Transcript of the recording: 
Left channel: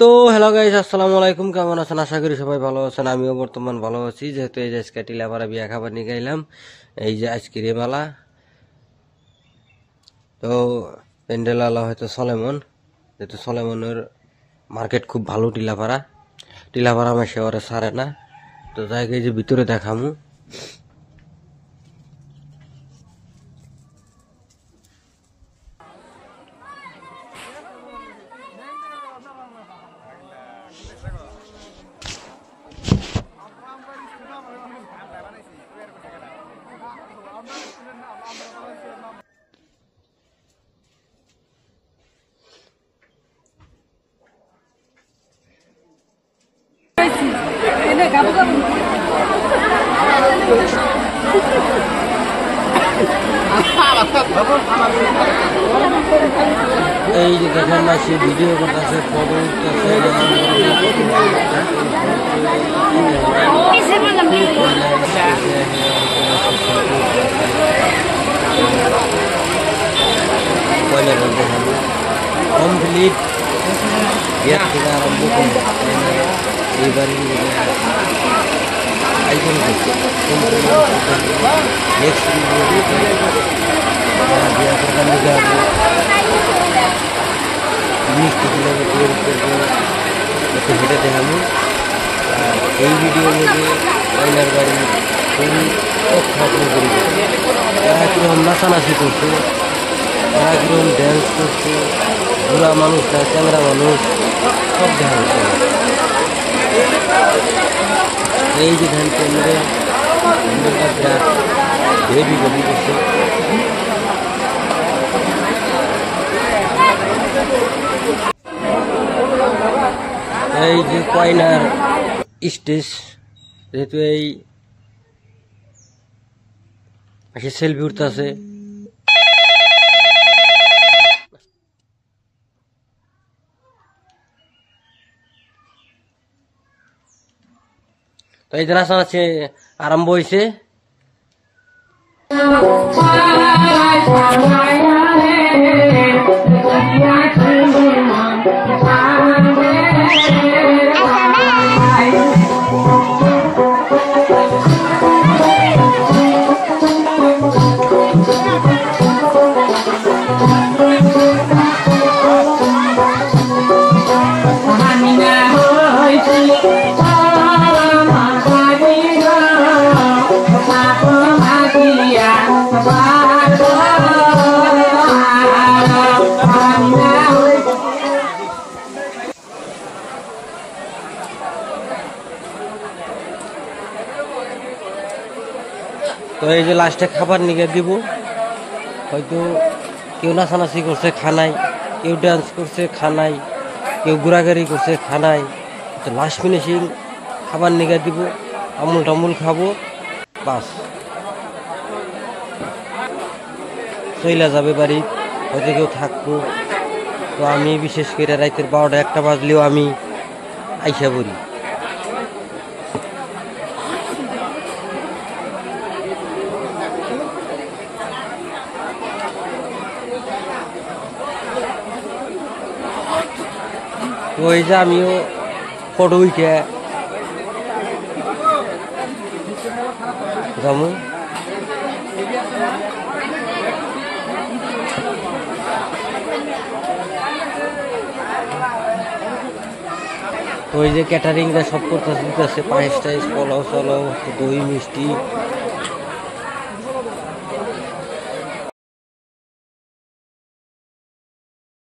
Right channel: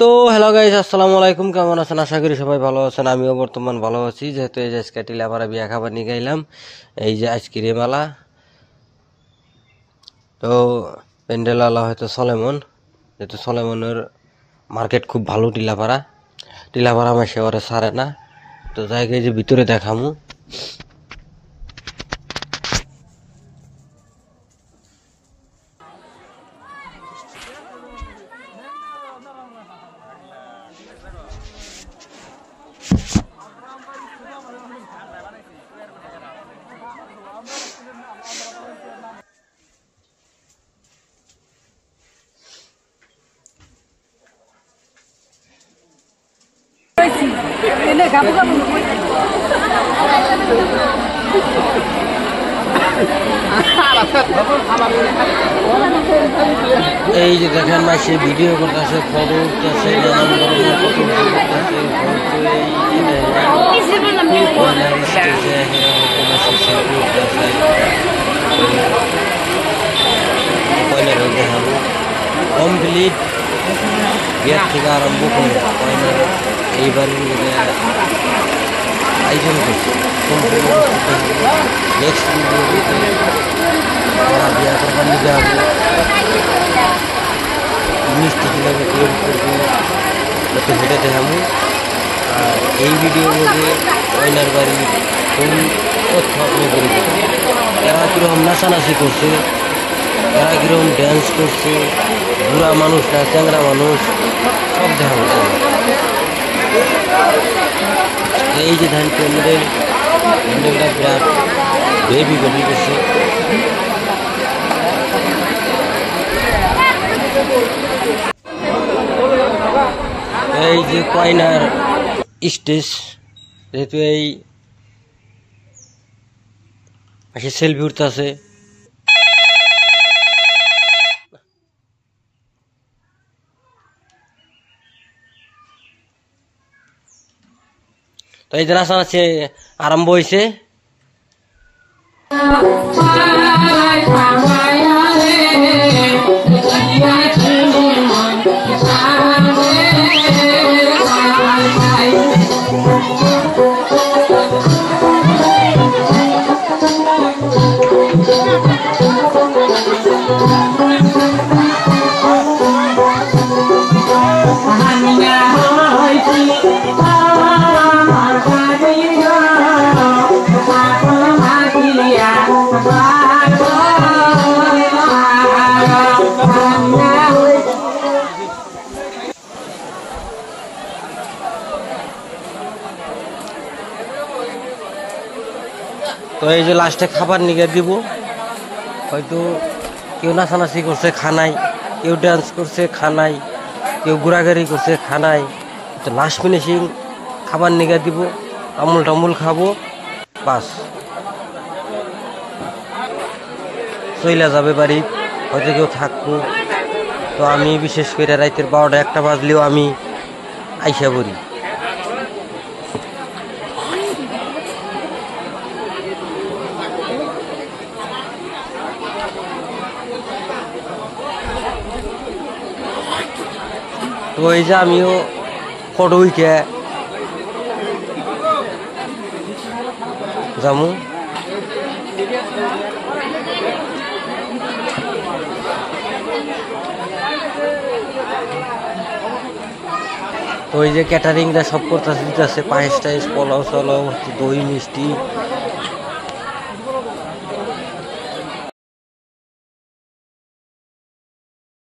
তো hello guys, আসসালামু আলাইকুম। কেমন আছেন? আশা করি সবাই ভালো আছেন। আমিও বর্তমান ভালো আছি। যেহেতু এই যে আজকে টিলাপাড়া বিয়া খাবার নিয়ে গেলাম, এই যে আজকের এই মেলা। তো প্যান্ডেল আলা হয়তো সলেমন, যেহেতু সলেমনের মার্কেট খুব ভালো। টিলাপাড়া মাসে ওরে সারে না। তো জায়গায় যে ভিতরে দেখামু। এই যে দেখেন মাসে ভিডিও করতেছে, ফটো উঠতেছে, নানান ধরনের ফটো উঠতেছে। কয়লার দেখাবো কমপ্লিট বিয়ের থেকে আরম্ভ করে কয়লার এইবারে আয়োজন করছে। নেক্সট ভিডিওতে যারা বিয়া করবার নিয়ে যাবো, মিষ্টি কীভাবে তৈরি করবো যাতে হেঁটে দেখাবো। আর এই ভিডিওর মধ্যে কয়লার বাড়ি ফুল তথ্য আপনি করে দেবো। এরা কীরকম নাচানাচি করছে, এরা কীরকম ড্যান্স করছে, বুড়া মানুষ না চ্যাংরা মানুষ, সব দেখাবো। এই যে ধান প্যান্ডেলটা বিরাট বেবি করছে। এই যে কয়নার স্টেজ, যেহেতু এই সেলফি উঠতে আছে। তো এই যে নাচানাচি আরম্ভ হয়েছে। তো এই যে লাস্টে খাবার নিয়ে দিব। হয়তো কেউ নাচানাচি করছে খানাই, কেউ ডান্স করছে খানাই, কেউ ঘোরাঘুরি করছে খানাই। তো লাস্ট ফিনিশিং খাবার নিয়ে দিব, আমুল টামুল খাবো, বাস চইলা যাবে বাড়ি। হয়তো কেউ থাকবো। তো আমি বিশেষ করে রাতের 12টা-1টা বাজলেও আমি আইসা পড়ি। তো এই যে আমিও ফটো উঠে যাবো। তো এই যে ক্যাটারিংটা সব করতে দিতেছে, পায়েস টাইস, পোলাও চলাও, দই মিষ্টি,